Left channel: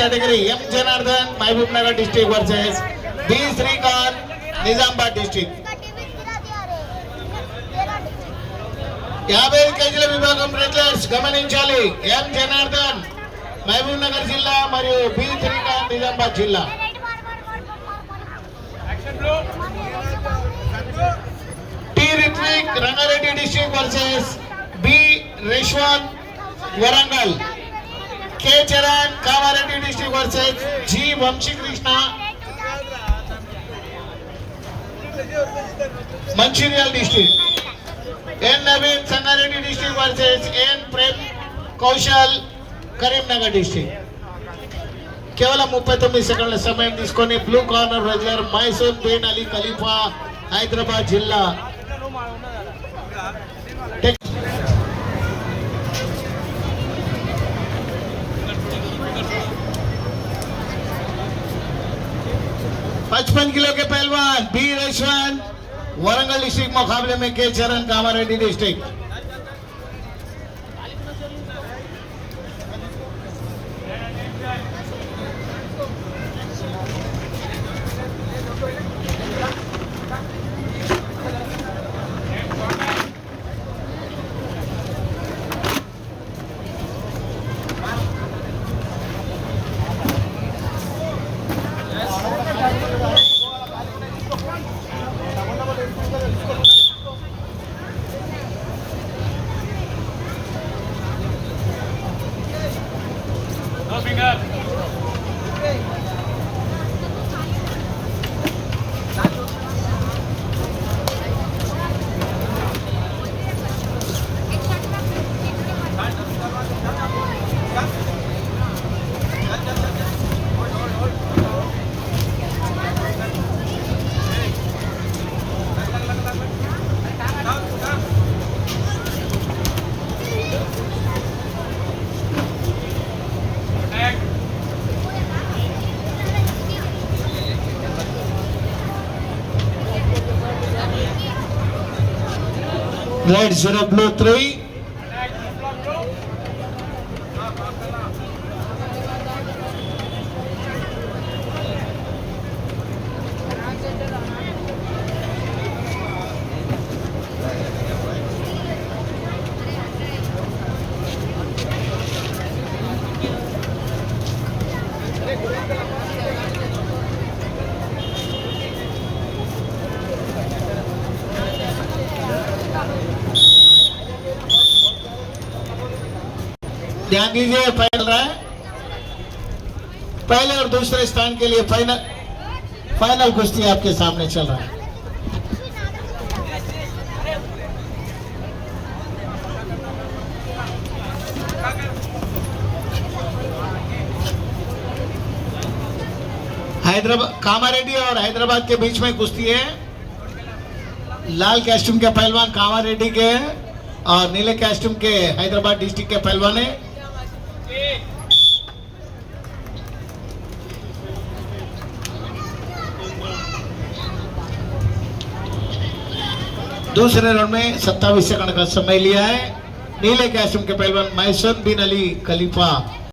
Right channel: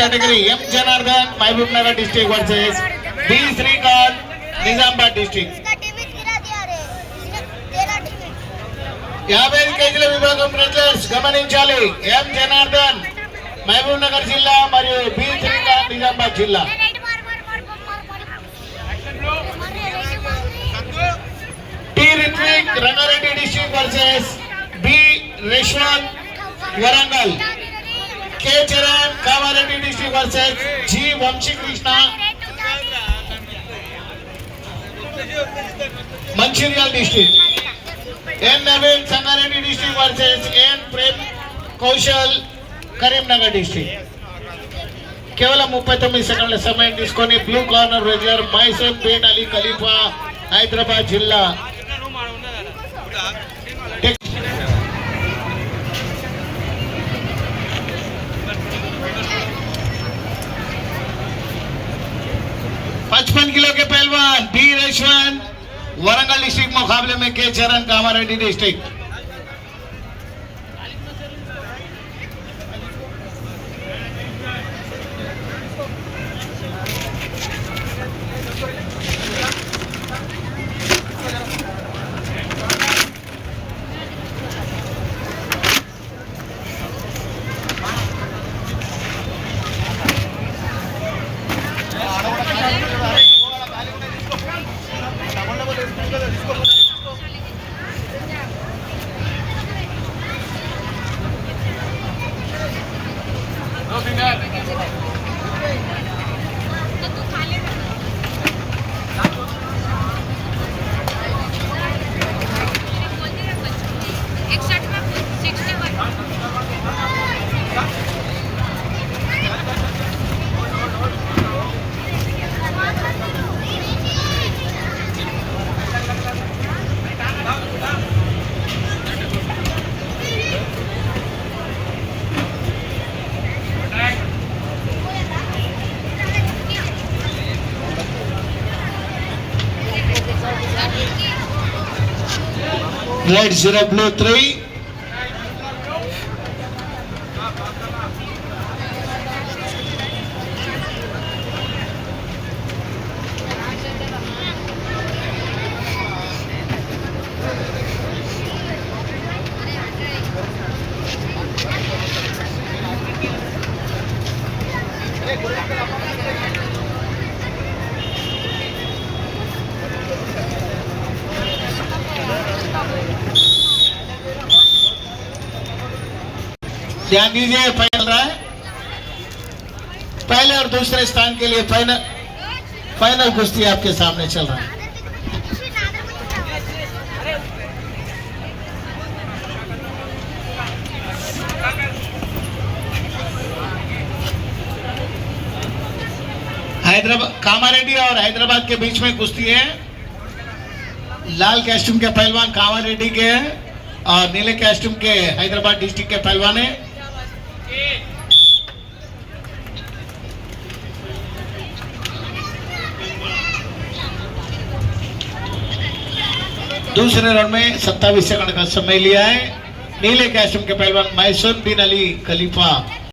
category M Janardhan महबूब नगर district versus B Srikanth Nizamabad district. 50 కేజీల విభాగం wrestlers గమనించాలి. M Janardhan महबूब नगर జిల్లా మరియు B Srikanth Nizamabad జిల్లా. T Ritvik Rangareddy district versus B Reshwan Warangal. K Charan Kamareddy district versus G Vamshi Krishna Mancherial district. N Naveen Sangareddy district versus N Prem Kaushal Karimnagar district. కేవలం 39 సెకండ్ల సమయం తీసుకొని blue corner regular Mysore bin Ali Khalifa Hyderabad జిల్లా. पचपन kilo के पहलवान B रेशवन Warangal district मुकाबले में के चरण कामारेड्डी डिस्ट्रिक्ट. Red 0 blue 3. ध्यान दीजिए, फाइनल रहा है. पहले और दूसरे स्थान के लिए फाइनल कुश्ती आपके सामने चल रहा है. हैदराबाद कामारेड्डी और हैदराबाद के बीच में कुश्ती है. लाल कॉस्ट्यूम के पहलवान कामारेड्डी के हैं और नीले कॉस्ट्यूम के हैदराबाद डिस्ट्रिक्ट के पहलवान है. दूसरे राउंड में 27 सेकंड का समय लिया है. नीले कॉस्ट्यूम के पहलवान मैसूर बिन अली खलीफा